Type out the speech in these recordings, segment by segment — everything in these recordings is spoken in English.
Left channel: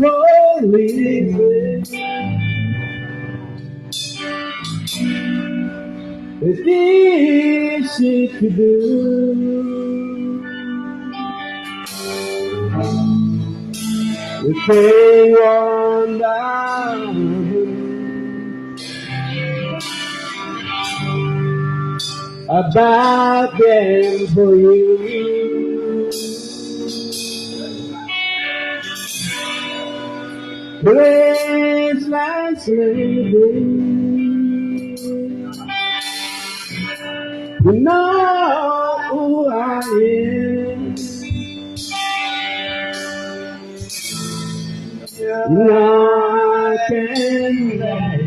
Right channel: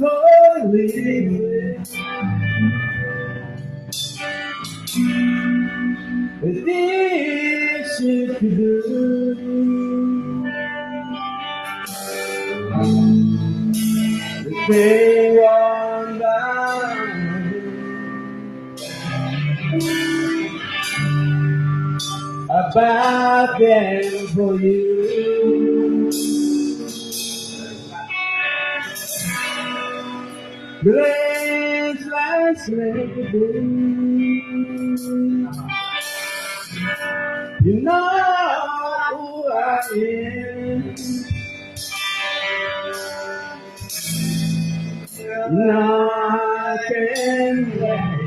holy, it's easy to do. The thing on down about them for you. Grace like slavery, you know who I am. Now I can let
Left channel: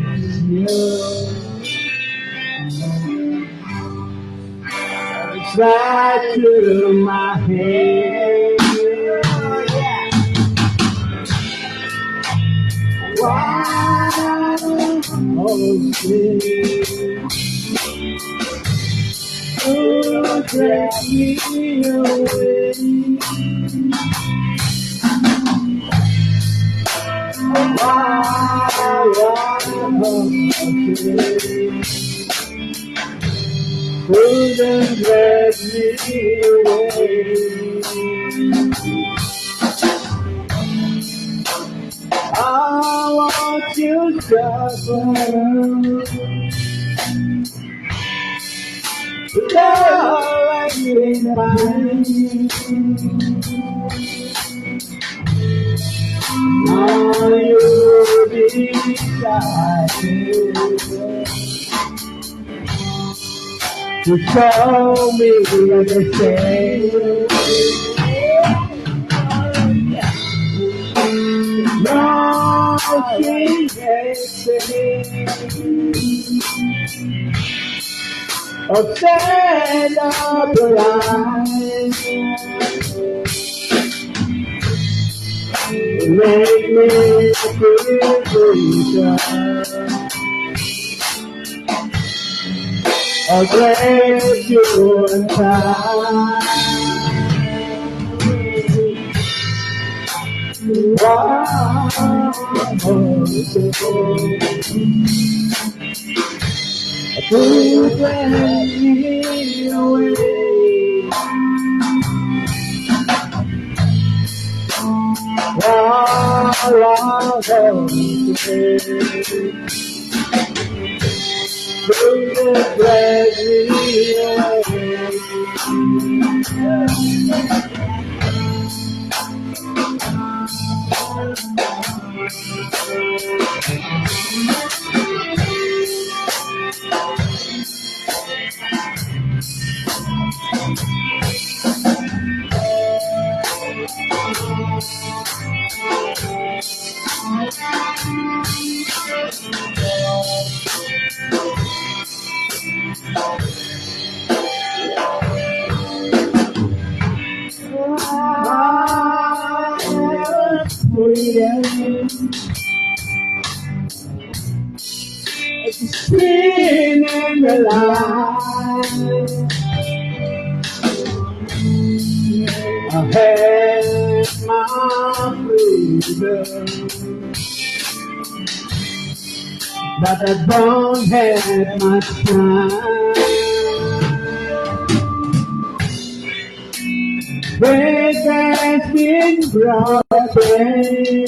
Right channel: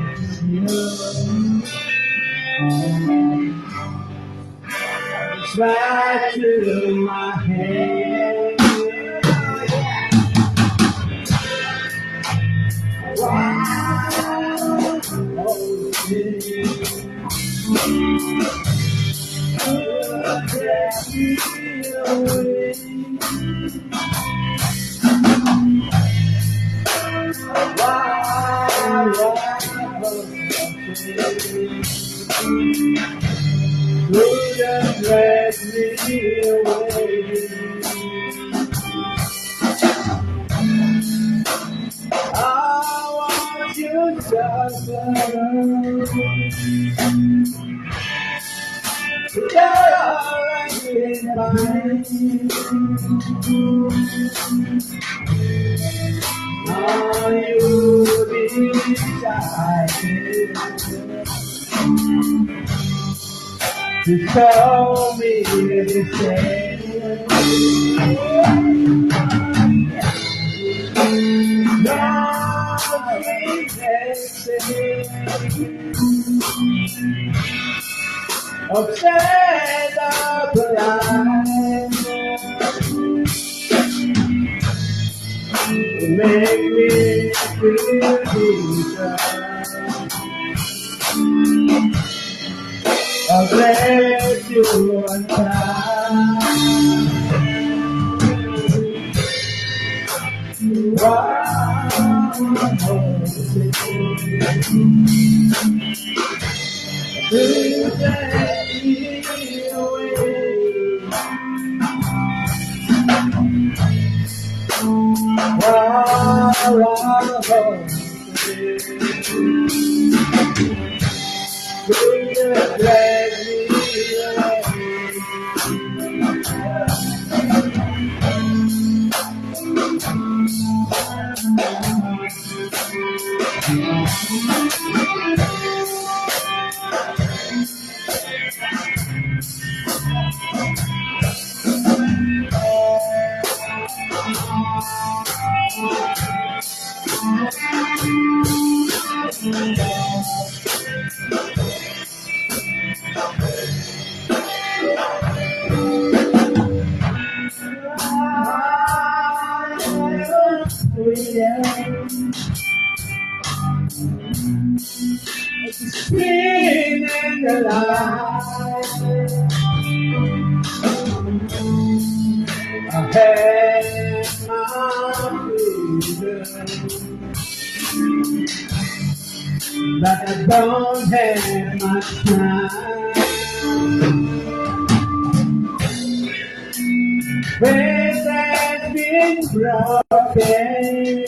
you know. It's right through my head. Wow, oh, take me away. Couldn't let me away. I want you to suffer. Without in mind. Now you'll be decided to show me the same. Now she makes upset up around. Make me feel closer. I'll let you untie. Please let me away. Please let me away. Spin in the light. I had my freedom, but I don't have much time. Faith has been broken.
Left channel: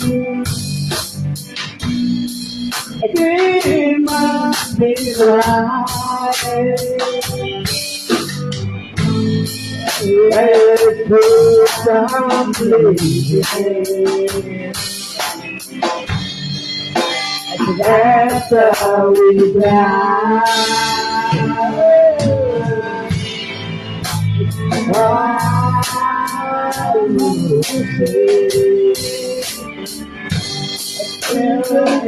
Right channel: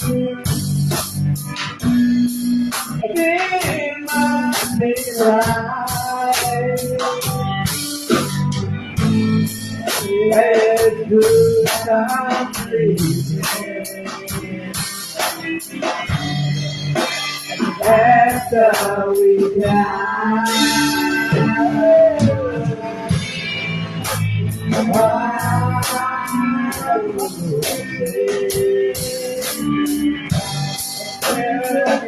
It must be right. Let's do some bleeding. After we die,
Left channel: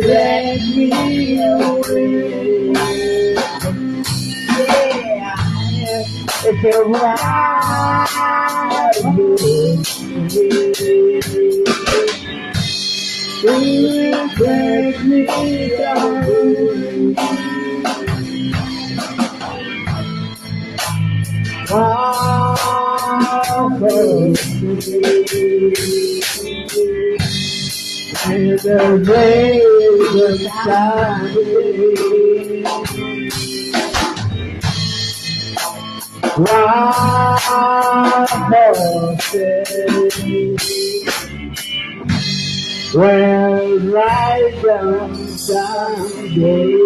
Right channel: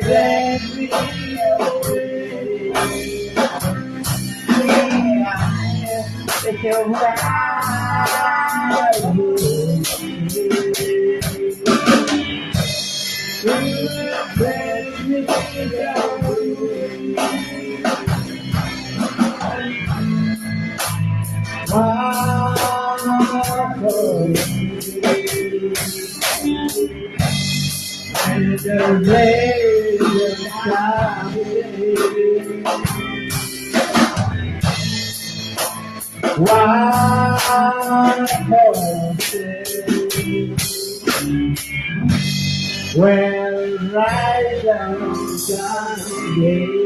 let me away. Yeah, it's alright. Take me down. Oh, And the rain was shining. Wild horses were right down Sunday.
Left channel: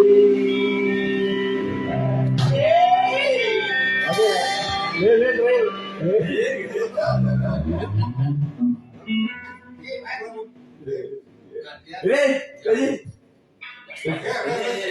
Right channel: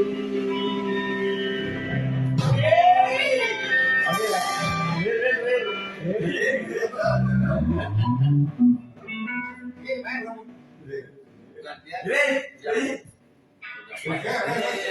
Okay.